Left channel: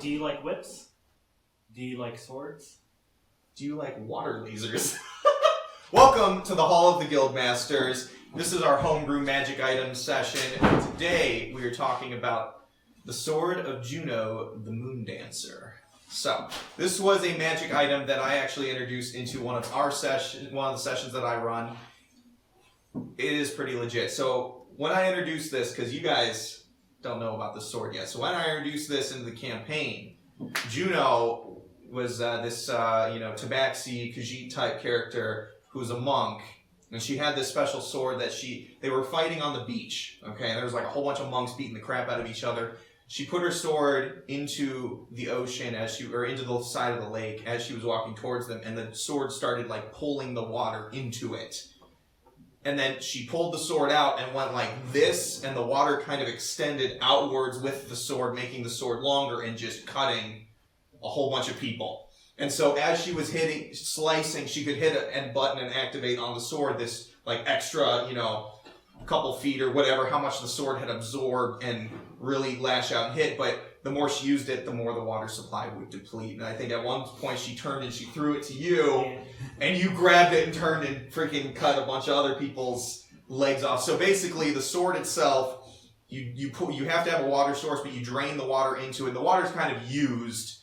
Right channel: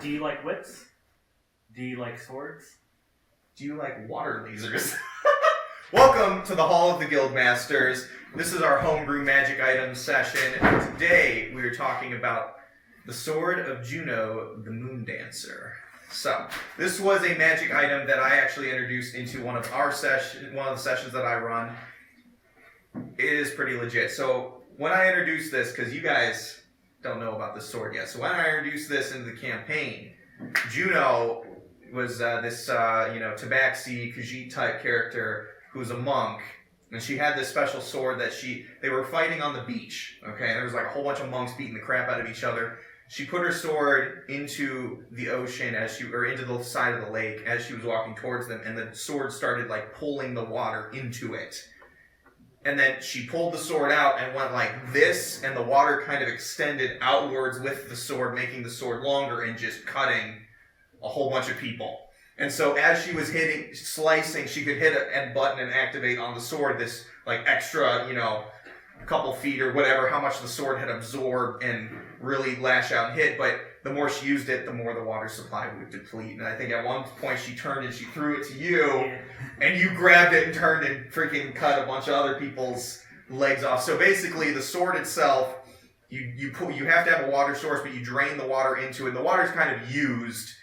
Do you like whips? Do you like swords? Do you like water lasers? Welcome to the Hall of the Guildmasters. This is our Homebrew Magic Item session. Today we are talking about the Sword of Juno the Moondancer. So, this was a magic item that I actually introduced into one of the sessions that I run. It is pretty legit. So, when I introduced this, because you guys don't know about this sword yet, so when I introduced this into the campaign, Juno was this Tabaxi Khajiit type character who was a monk, and she had this special sword that they were fighting on the beach. Okay, and there was like a whole bunch of monks beating the crap out of each other. She put her sword into the ocean into the side of the lake as she was walking towards them, and the sword started like pulling the water into it. And then she pulled the sword out and went like this, and the water kind of extended outwards with the sword, making the sword longer and just cutting a whole bunch of people. And so as she was slicing, she could hit a button and activate on the sword this like extra, couple feet or whatever, how much the sword had absorbed and really lash out and hit. But the more she used it, the more the water supply would deplete. And I think at one point she turned and she threw it to you, and you grabbed it and turned and freaking cut a bunch of other people's legs off. So basically the sword itself, you have to have a water source, but you drain the water into it. And the water's kind of used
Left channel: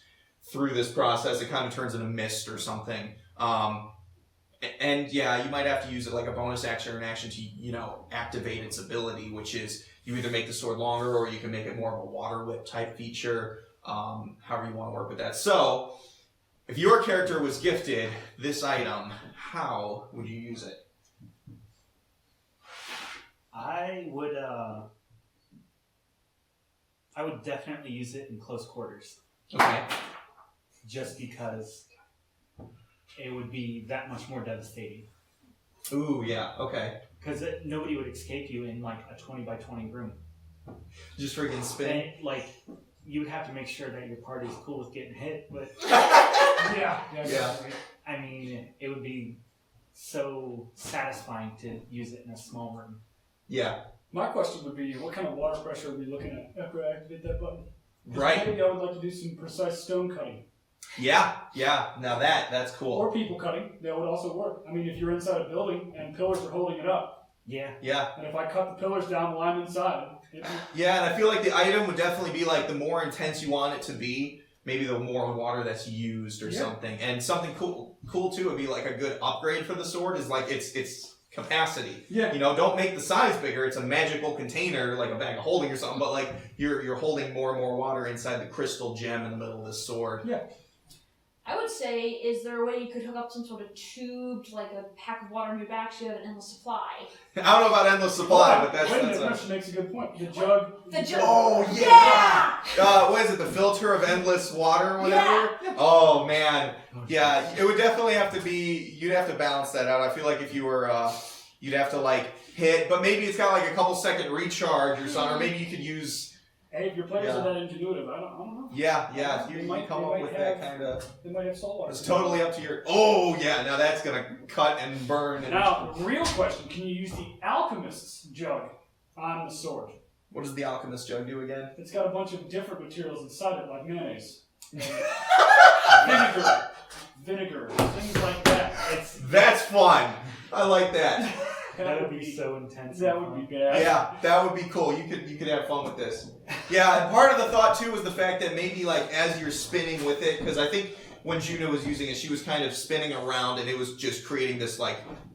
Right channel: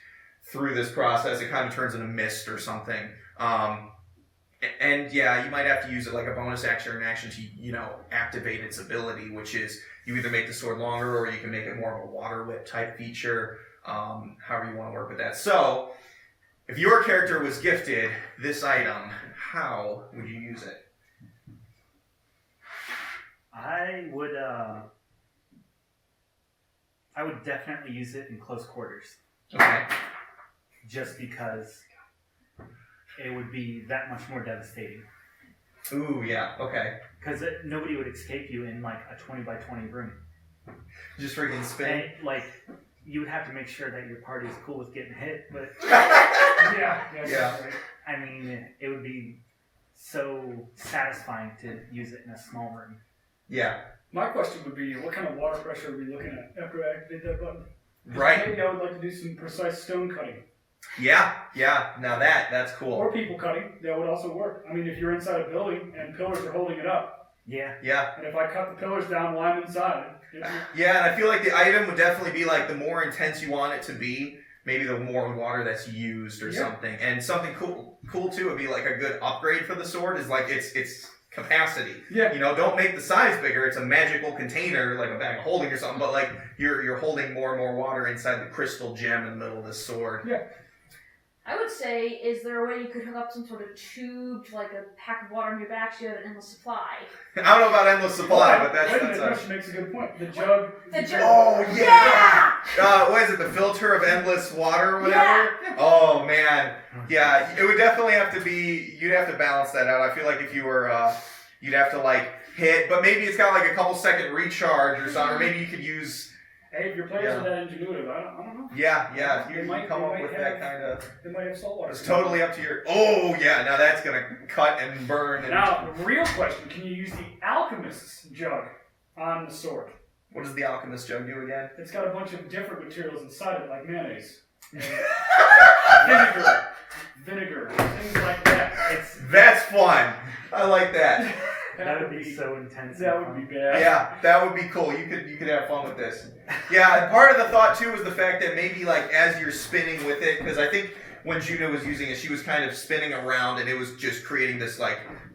through this process. It kind of turns into mist or something. And yeah, you might have to use it like a bonus action or an action to, activate its ability, which is you either make the sword longer or you can make it more of a water whip type feature, however you want to work with that. So, if your character was gifted this item, how would you use it? I would definitely use it in close quarters. Okay. Just because it would be that much more devastating. Ooh, yeah, okay. Because nobody would escape you in like a 20 by 20 room. Just freaking spin. And, you would have to make sure that your party's cool with getting hit, but yeah. I mean, it would be so satisfying to use it in a small room. Yeah. My question would be, what kind of water pressure are we looking at after I activate that button? Right. Maybe I would like to do some precise stone cutting. Yeah. Now that's cool. Or people cutting, that would also work. I mean, if you're inside a building and pillars are holding it up. Yeah. And if I cut the pillars down while I'm inside. Yeah, and I feel like the item would definitely be like the more intense you want it to be, maybe the more water that's used or something. And something cool too would be like a good upgrade for the sword is like its capacity. Yeah. Don't make the size bigger. It's a magical container, like a bag of holding or something, but like you're holding more and more water inside the crystal gem in the middle of this sword. Yeah. I would say, is there a way you could hook up some sort of tube to like a pack of water on your back so you have an endless supply? I don't know about endless supply, but that's She makes a good point. The jug. Oh, yeah! What is it, the filter of endless water or whatever? Yeah. Oh, man. Yeah, it would definitely have to be, you'd have to balance that out. I feel like if you were, you'd have to hit, but maybe it's got like a couple second recharge or something, or maybe you could use... Hey, if your players are that intuitive, I don't know. Yeah, if you might come up with that kind of... They might have saltwater. It's totally up to your... Oh, yeah, now that's going to cut and burn. Now, the real question, can you use the alchemist's jug on the sword? What does the alchemist jug do again? It's got a bunch of different materials inside it, like mayonnaise. Vinegar, things like that. That's fun. I like that. That would be so intense. That would be bad. Yeah, that would be cool. You could have fun with this. Yeah, and part of the thought too was the fact that maybe as you're spinning with it, because I think when Juno was using it, she was kind of spinning around, and it was just creating this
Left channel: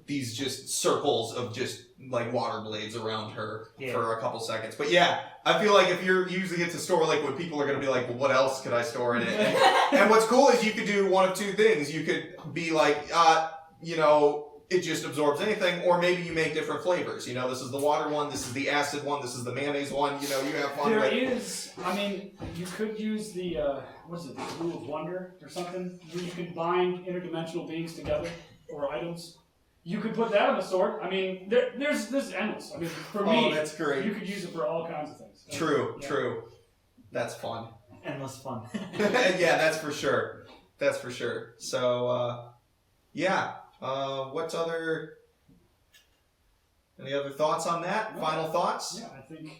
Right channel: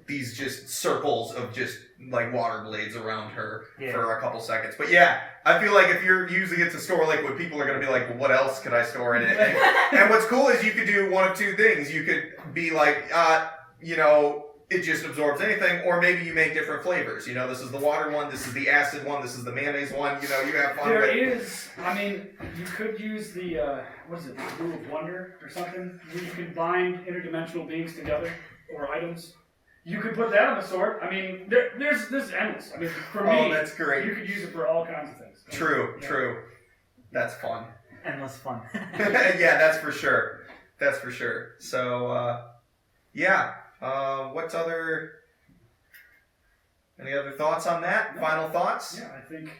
these just circles of just water blades around her for a couple seconds. But yeah, I feel like if you're using it to store liquid, people are going to be like, well, what else could I store in it? And what's cool is you could do one of two things. You could be like, it just absorbs anything, or maybe you make different flavors. This is the water one, this is the acid one, this is the mayonnaise one. You have fun with it. You could use the, the Brew of Wonder or something, where you can bind interdimensional beings together, or items. You could put that on the sword. I mean, there's endless. I mean, for me, that's great. You could use it for all kinds of things. True. That's fun. Endless fun. Yeah, that's for sure. So, what's other... Any other thoughts on that? No. Final thoughts? Yeah, I think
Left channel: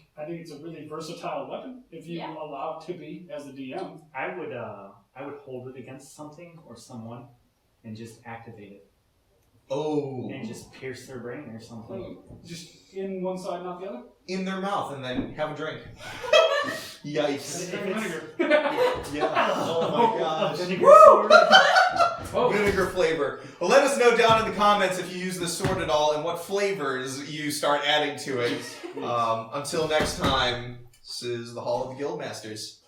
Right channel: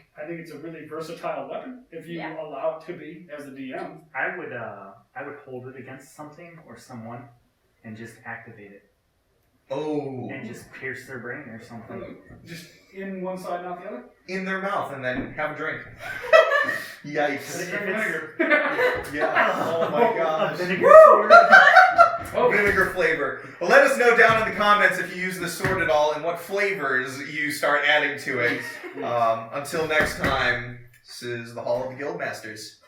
it's a really versatile weapon if you Yeah. allow it to be as a DM. I would hold it against something or someone and just activate it Oh. and just pierce their brain or something. Just in one side, not the other. In their mouth and then have a drink. Yikes. If it's- Yeah. Oh my A gosh. vinegar sword. Oh, Vinegar flavor. Well, let us know down in the comments if you use this sword at all and what flavors you start adding to it. Until next time, this is the Hall of the Guildmasters.